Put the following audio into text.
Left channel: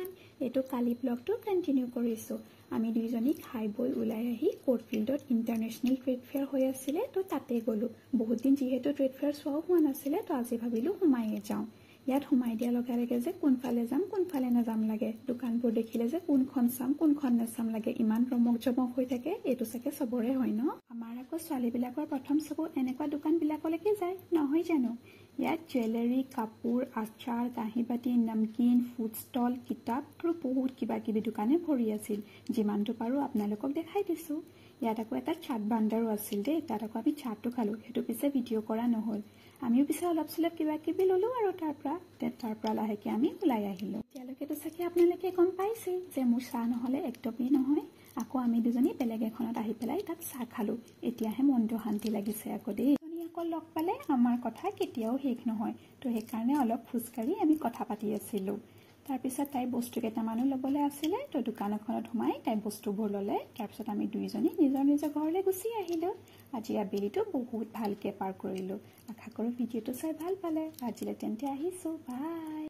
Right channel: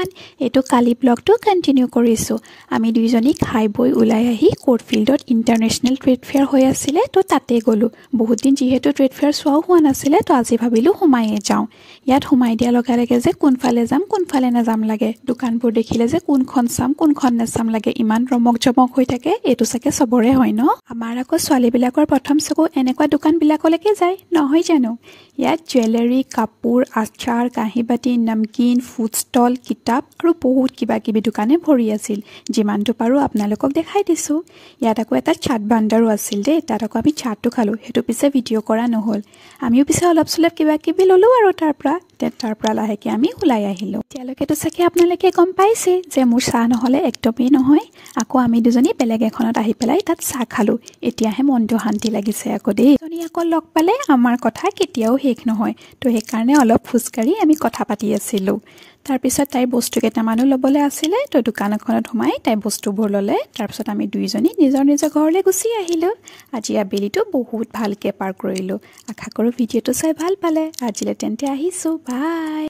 everyone এটো কালি ব্লগটো continue কৰিছো আমি দুইজনী খাই বই উলাই আহি কোৰ্টফিল্ডত ইন্টাৰনেশনাল ট্ৰেড ফেয়াৰ হৈ আছিল তো তাতে গলো বহুত দিন যেহেতু ট্ৰেড ফেয়াৰ সোৱা হোৱা নাছিল তো আজি ভাবিলো হুমাইয়ে যাও ইয়াত হুমাই দিয়া লগা লাগে যে কোনফালে যাম কোনফালে না যাম লাগে দোকানবোৰ দেখিলে যে কোনখন চাম কোনখন নাচাম লাগে ইমান ৰমক জমক হৈ থাকে এটো সাকে সবৰে হয় ন আমাৰ আকৌ ছোৱালী বিলাকৰ প্ৰথম চকু এনেকুৱা দোকান বিলাকলৈকে যায় নহয় জানো ইয়াত জুৱেলাৰী কাপোৰ আচাৰ কাহিবাতি নমকিন ফুড ষ্টল কিতাপ আৰু বহুত কিবা কিবি দোকানে ভৰি আছিল যিমানটো পাৰো আপোনালোকক দেখাই দিছো ইয়াত আকৌ এটা চাট বান্দাৰো আছিল দে তাত আকৌ আমি চাটটো খালো হেতু পিছে ভিডিও কৰা নহল আমিও পিছে অলপ সলপ কিবা কিবি ললো আৰু তাৰ পৰা লাহেকে আমি উলাই আহিলো তেওঁলোকেতো সাকে আপোনালোকে গম পাইছে যে মোৰ চাহ নহলে একদমেই নহয় আকৌ আমি দুজনী বেলেগ এখনত আহি পেলাই তাত চাহ খালো এতিয়াহে মনটো শান্তি লাগিছে আকৌ দেই জনী আকৌ লগ পালে আমাৰ কথা কেতিয়াও শেষ নহয় তো সেই কাৰণে অলপ ফুসকাৰি আমি কথা পাতি আছিলো তাৰ পিছত তাই বস্তু কেইটামানো লবলৈ আছিল তো দোকানখনত সোমাই তাই বস্তুবোৰ ললে তাৰ পিছত আমি দুইজনী নিজৰ ঘৰলৈ গুচি আহিলো আজি আবেলিটো বহুত ভালকে পাৰ কৰিলো আশা কৰো ভিডিওটো চাই ভাল পালে আজিলে তেন্তে আহিছো বাই